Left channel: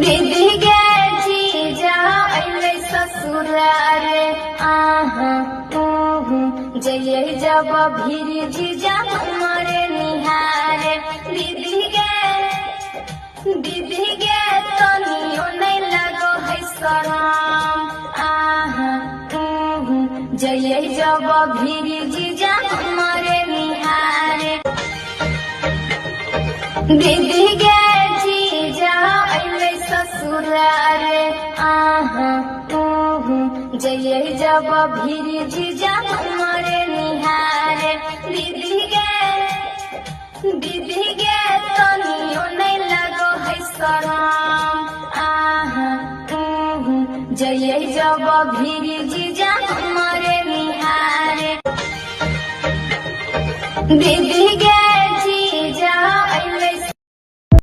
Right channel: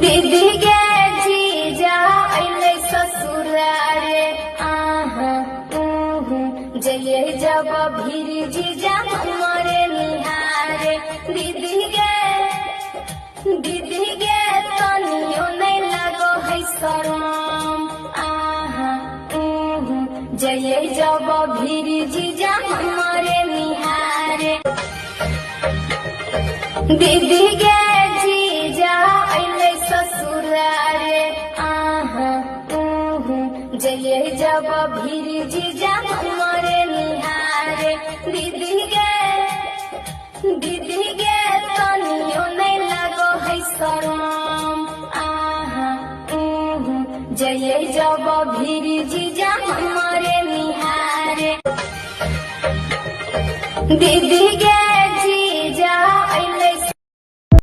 दीदी के जीजा अइले ससुरारे जय जब भीर जीजा हमारे निहारे दीदी के तनियो नहीं लगो है शरम जय जब भीर जीजा हमारे निहारे दीदी के जीजा अइले ससुरारे जय जब भीर जीजा हमारे निहारे दीदी के तनियो नहीं लगो है शरम जय जब भीर जीजा हमारे निहारे दीदी के